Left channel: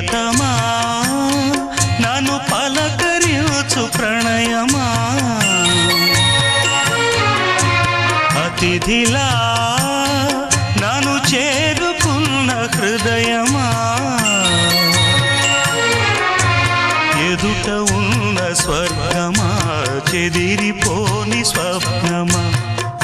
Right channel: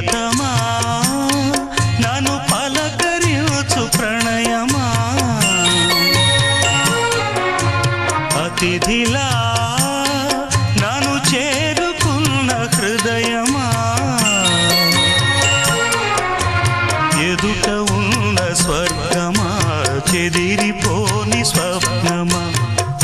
ప్రియతమా నన్ను పలకరించు ప్రణయమా అతిథిలా నన్ను చేరుకున్న హృదయమా ఎదుట ఉన్న స్వర్గమా చెదిరిపోని స్వప్నమా